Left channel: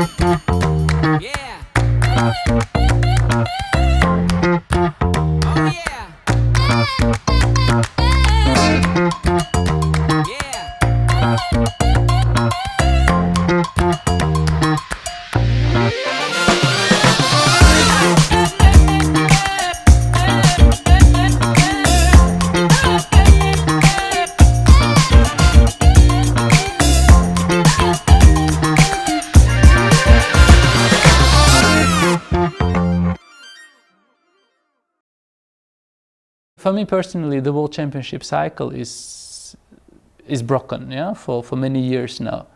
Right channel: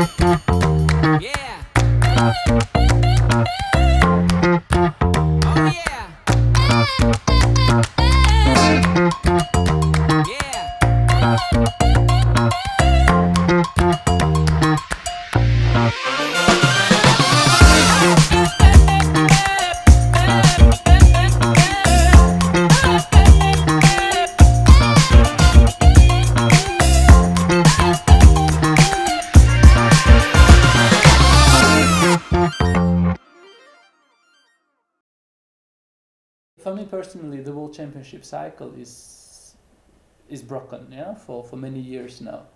Yeah. Oh yeah. Yeah. For me personally, the World Championship cycle is broken, yeah, for many years now.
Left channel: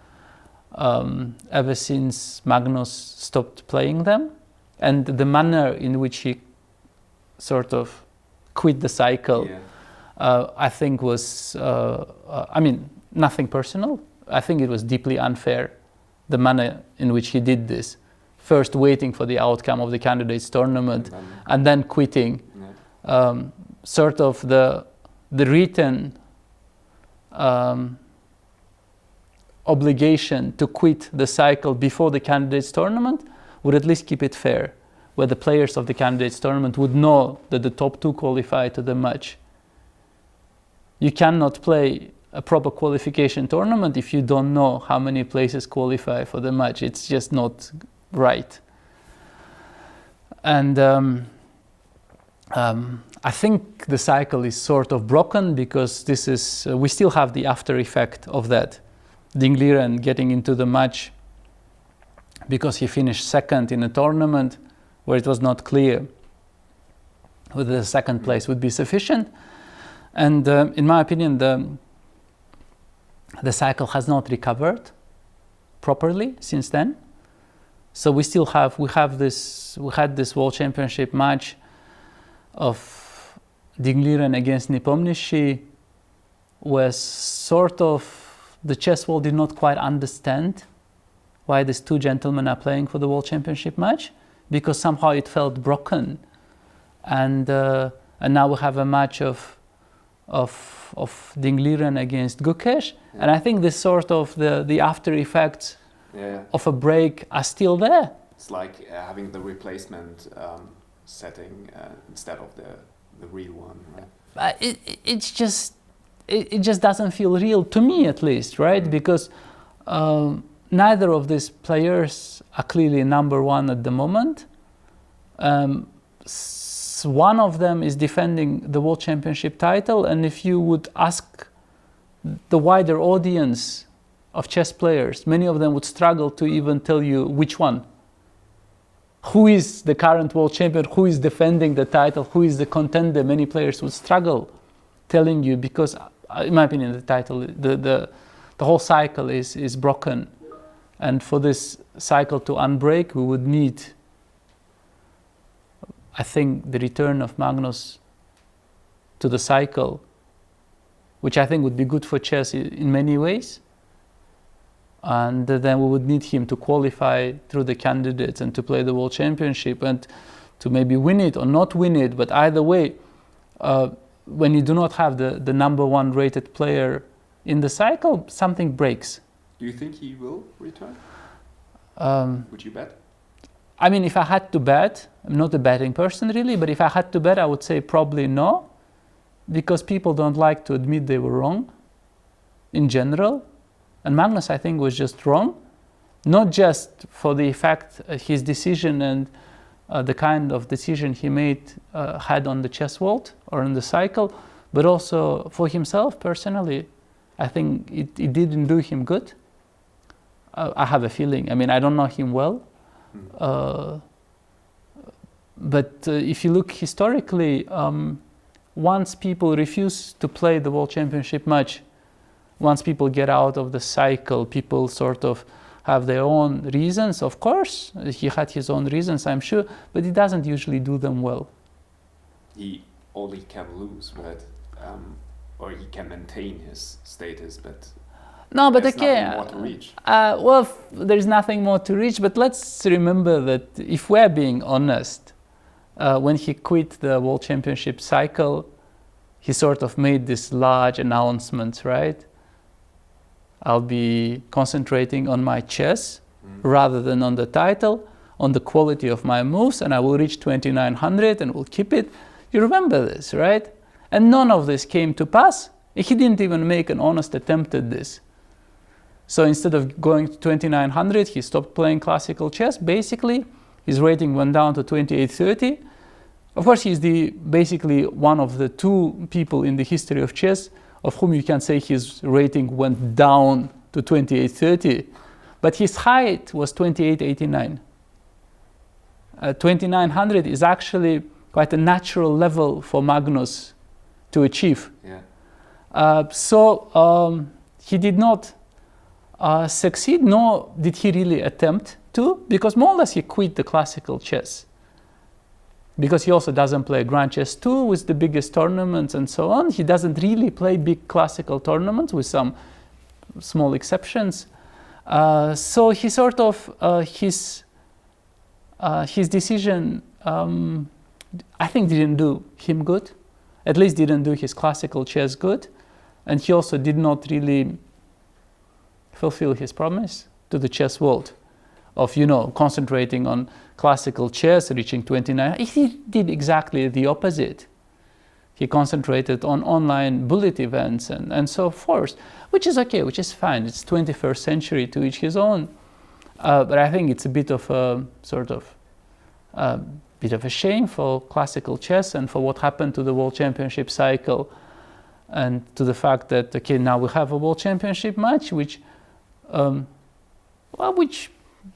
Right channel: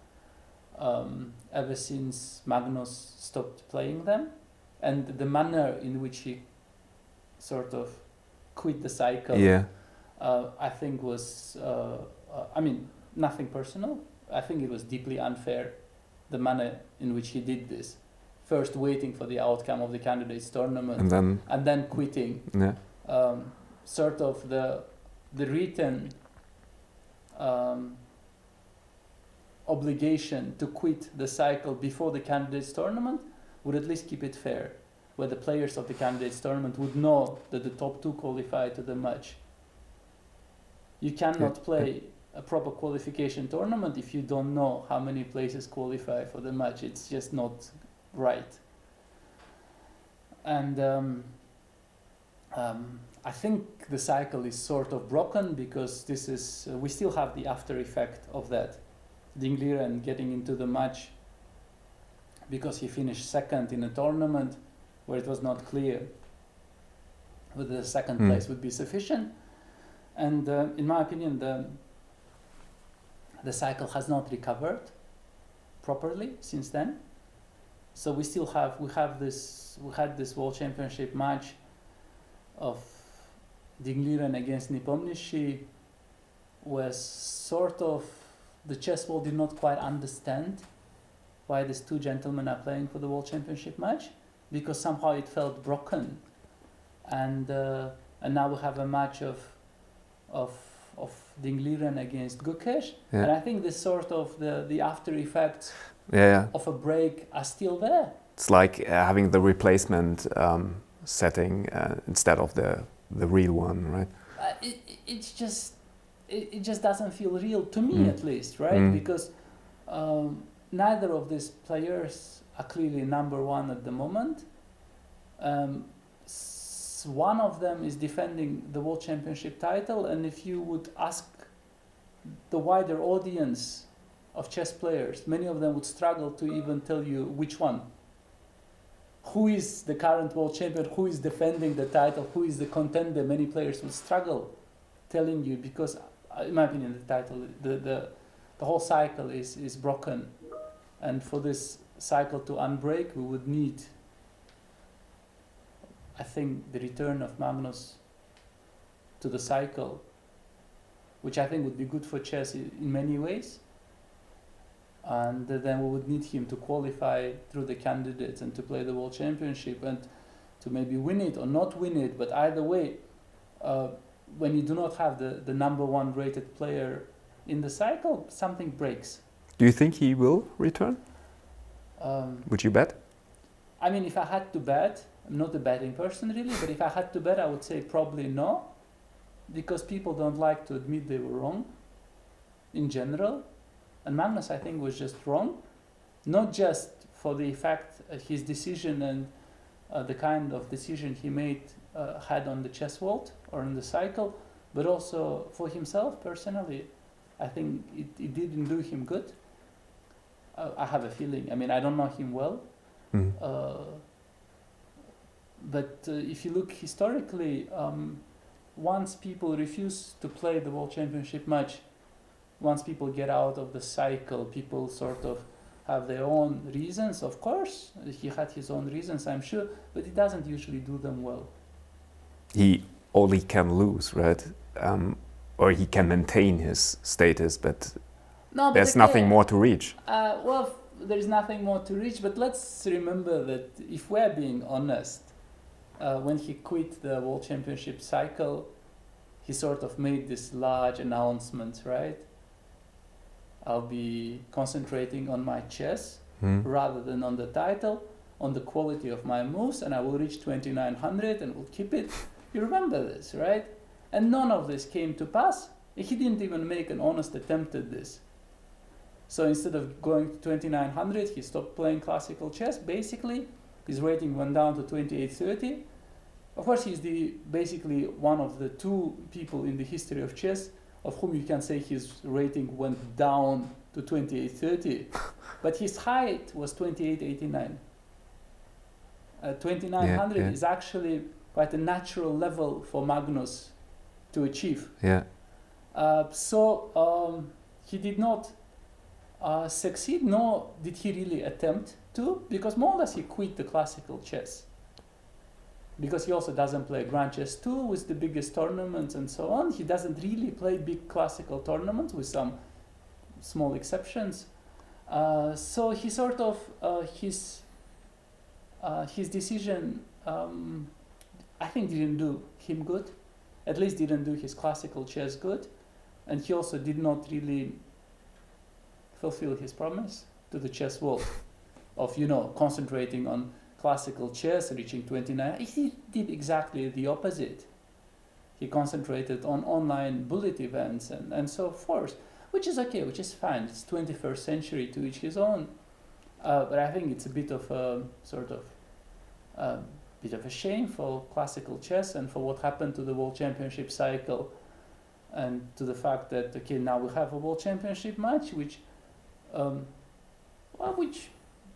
Ever since Magnus stopped playing them, and the manner in which he sort of quit the cycle, Yeah. I think was, I mean, nothing personal. I think it was deeply unfair, the manner in which he did this. First waiting for the outcome of the candidates tournament and then quitting. Yeah. Sort of the written obligation to quit the cycle before the candidates tournament would at least keep it fair, where the players of the candidates tournament would know that the top two qualify to the match. You cannot play a proper qualification tournament if you don't know how many places qualify for the match. It's just not right. And I think the cycle is sort of broken because this is we still have the after effect of that. Ding Liren getting into the match because he finished second in a tournament where it was not clear whether the second place would be sufficient. And in my opinion, the cycle has not recovered properly since then. So we had this World Championship match of Ding Liren against Nepomniachtchi, where sort of the chess world did not quite understand why these two gentlemen are playing for the World Championship match, because somehow it felt broken. And now we have a match of Ding Liren against Gukesh, and I think this sort of the after effects of a break are still there. It's like having the replacement setting instead of the real one, right? It just doesn't feel real to me, at least, right? Because neither of these players are clearly number one at the moment. One of them is defending the World Championship title, and if you would ask the wider audience of chess players, many of them would struggle to even tell you which one. Who is the current world champion? Who is defending the title? Who is the contender? Many players would struggle telling you, because, in my opinion, the whole cycle is broken, and for this cycle to unbreak, we would need, I think, the return of Magnus to the cycle, which I think would be good for chess in many ways. And then we would need him to qualify through the candidates and to play the World Championship and to maybe win it or not win it. But either way, when you do not have the number one rated player in the cycle, something breaks. Do you think he will return? Would you bet? I mean, if I had to bet, I'm not a betting person really, but if I had to bet, I would say probably no, because people don't like to admit they were wrong in general. And Magnus, I think, was just wrong, not just for the effect his decision and the kind of decision he made had on the chess world or on the cycle, but also for himself personally. I think it didn't do him good. I have a feeling. I mean, I don't know him well. But if you look historically, once people refuse to play the World Championship match, once people get out of the cycle, people sort of have their own reasons. Of course, he had his own reasons, I'm sure, but he doesn't usually do them well. He only can lose, right? Or he can maintain his status, but there's nothing more to reach. Well, there's nothing more to reach, but let's remember that if we're being honest, when he quit the World Championship cycle, he sort of made this large announcement, right? I'll be concentrating on my chess, rather than on the title, on the quality of my moves, and I will reach 2900 and will keep it. You remember this, right? And none of this came to pass. He didn't even make an honest attempt at this. So instead of going to 2900, he stopped playing classical chess. Basically, his rating went down to 2830. Of course, he's basically one of the two people in the history of chess of whom you can say his rating went down to 2830. But his height was 2889. 2900 is actually quite a natural level for Magnus to achieve. So he did not succeed, nor did he really attempt to, because more or less he quit the classical chess. Because he also doesn't play Grand Chess Tour with the biggest tournaments and so on. He doesn't really play big classical tournaments with some small exceptions. So he sort of, his decision, I think didn't do him good, at least didn't do his classical chess good. And he also did not really fulfill his promise to the chess world of, you know, concentrating on classical chess, reaching 29. He did exactly the opposite. He concentrated on online bullet events and so forth, which is okay, which is fine. It's 21st century, to each his own. But I think it's a bit of a sort of bit of a shame for classical chess and for what happened to the World Championship cycle, and to the fact that, okay, now we have a World Championship match which which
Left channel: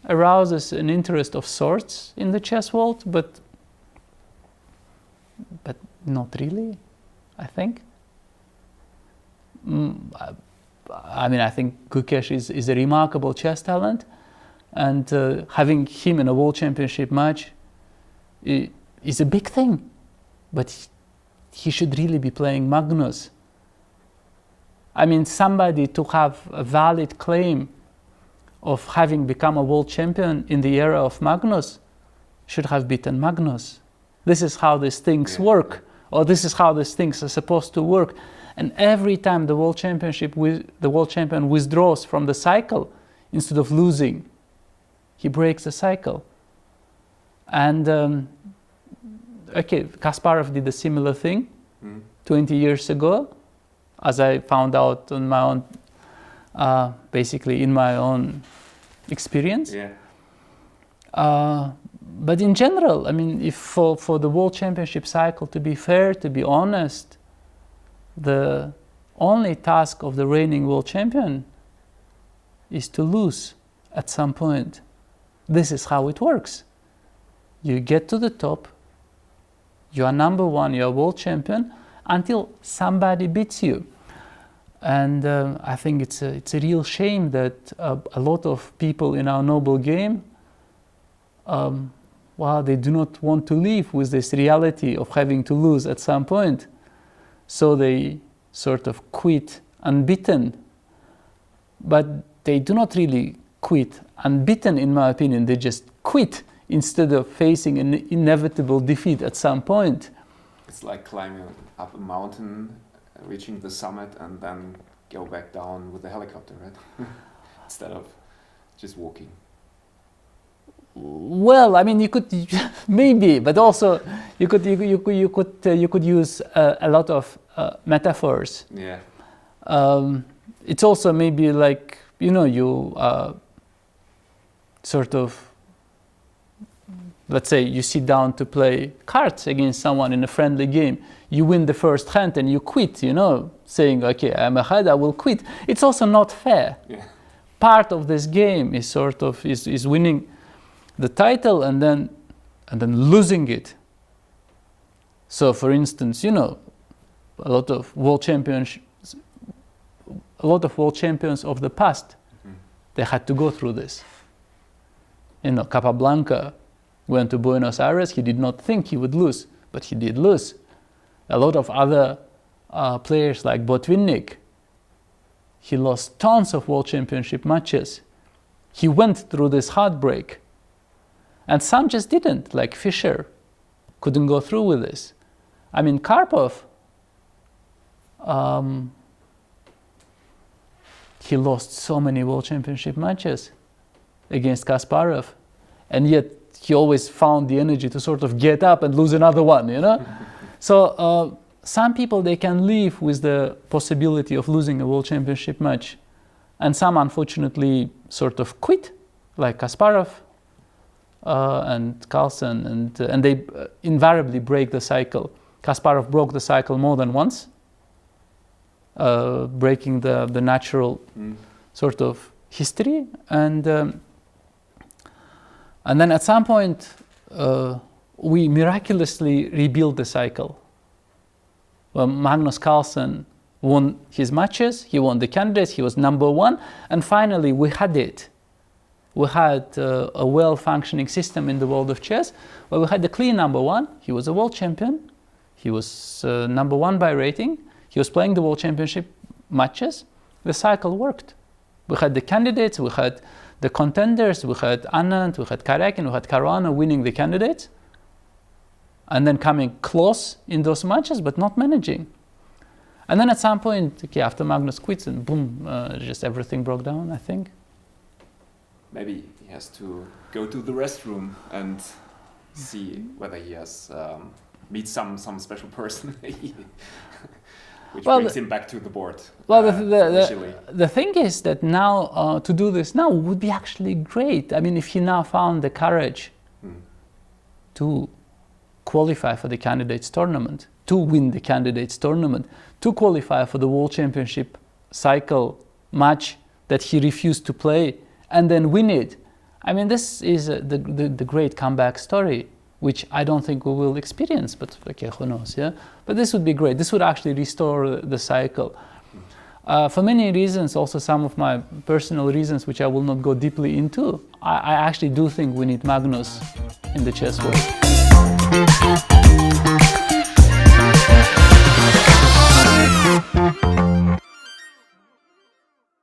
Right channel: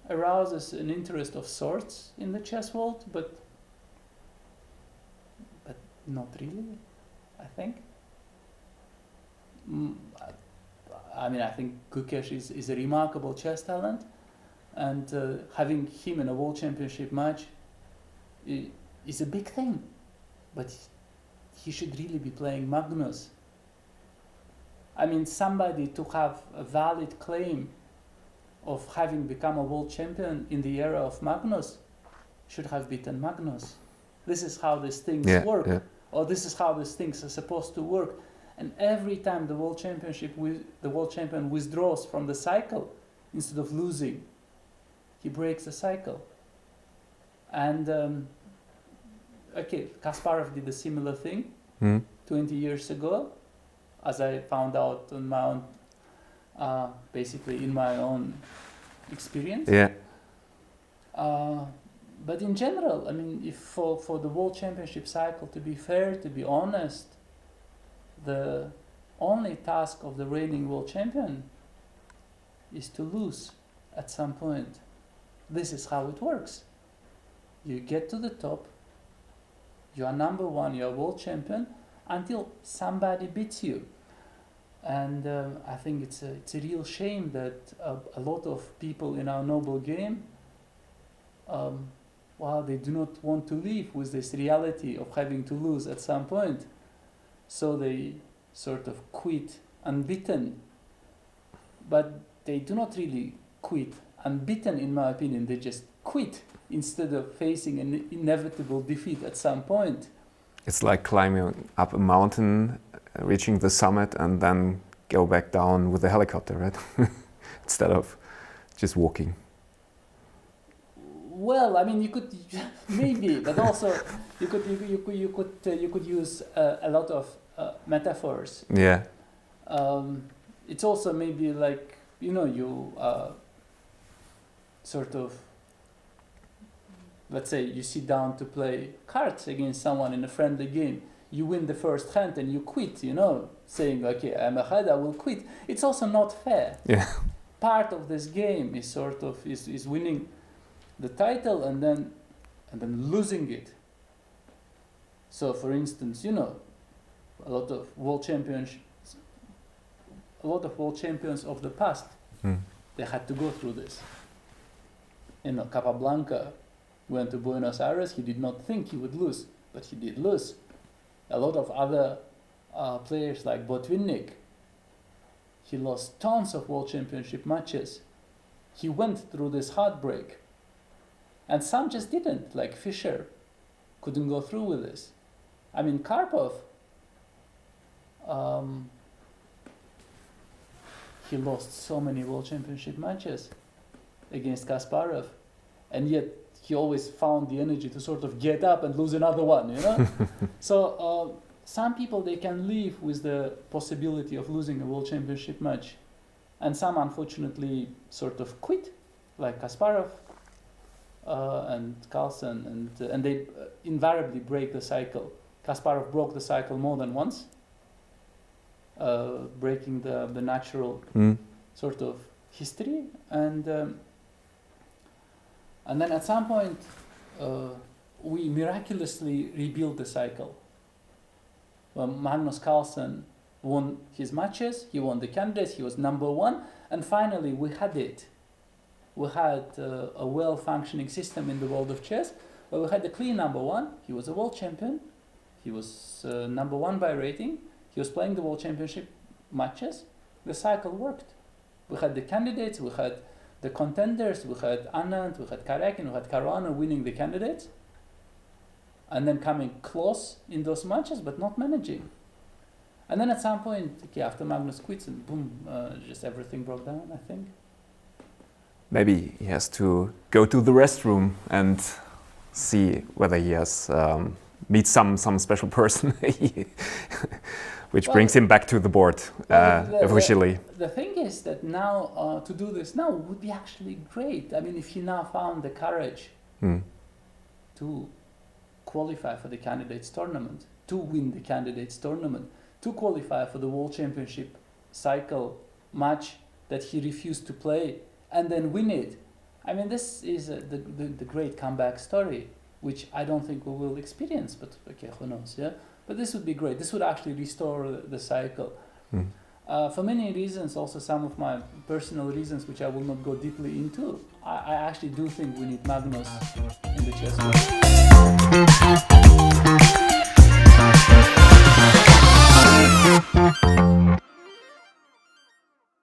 arouses an interest of sorts in the chess world, but not really, I think. I mean, I think Gukesh is a remarkable chess talent, and having him in a World Championship match is a big thing, but he should really be playing Magnus. I mean, somebody to have a valid claim of having become a world champion in the era of Magnus should have beaten Magnus. This is how these things work, or this is how these things are supposed to work. And every time the world champion withdraws from the cycle, instead of losing, he breaks the cycle. And okay, Kasparov did a similar thing 20 years ago, as I found out on my own, basically in my own experience. But in general, I mean, if for the World Championship cycle to be fair, to be honest, the only task of the reigning world champion is to lose at some point. This is how it works. You get to the top, you are number one, you are world champion, until somebody beats you. And I think it's a real shame that a lot of people in our noble game, they do not want to live with this reality of having to lose at some point. So they sort of quit unbeaten. But they do not really quit unbeaten, in my opinion. They just quit instead of facing an inevitable defeat at some point. It's like climbing up a mountain, reaching the summit, and then go back down with a helicopter, right? Instead of just walking. Well, I mean, you could maybe, but also you could use a lot of metaphors. It's also maybe like, you know, you sort of, let's say you sit down to play cards against someone in a friendly game. You win the first hand and you quit, you know, saying, okay, I'm ahead, I will quit. It's also not fair. Part of this game is sort of is winning the title and then losing it. So, for instance, you know, a lot of world champions of the past, they had to go through this. You know, Capablanca went to Buenos Aires. He did not think he would lose, but he did lose. A lot of other players like Botvinnik, he lost tons of world championship matches. He went through this heartbreak. And some just didn't, like Fischer, couldn't go through with this. I mean, Karpov, he lost so many world championship matches. against Kasparov, and yet he always found the energy to sort of get up and lose another one, you know? So some people, they can live with the possibility of losing a world championship match, and some unfortunately sort of quit, like Kasparov and Carlsen, and they invariably break the cycle. Kasparov broke the cycle more than once, breaking the natural sort of history, and then at some point we miraculously rebuilt the cycle. Magnus Carlsen won his matches, he won the candidates, he was number one, and finally we had it. We had a well-functioning system in the world of chess, where we had the clear number one. He was a world champion, he was number one by rating, he was playing the world championship matches. The cycle worked. We had the candidates, we had the contenders, we had Anand, we had Karakin, we had Caruana winning the candidates, and then coming close in those matches, but not managing. And then at some point, okay, after Magnus quits, and boom, just everything broke down, I think. Maybe he has to go to the restroom and see whether he has meet some special person, which brings him back to the board officially. The thing is that now to do this now would be actually great. I mean, if he now found the courage to qualify for the candidates tournament, to win the candidates tournament, to qualify for the World Championship cycle match that he refused to play, and then win it. I mean, this is the great comeback story, which I don't think we will experience, but okay, who knows, yeah? But this would be great. This would actually restore the cycle. For many reasons, also some of my personal reasons, which I will not go deeply into, I actually do think we need Magnus in the chess world.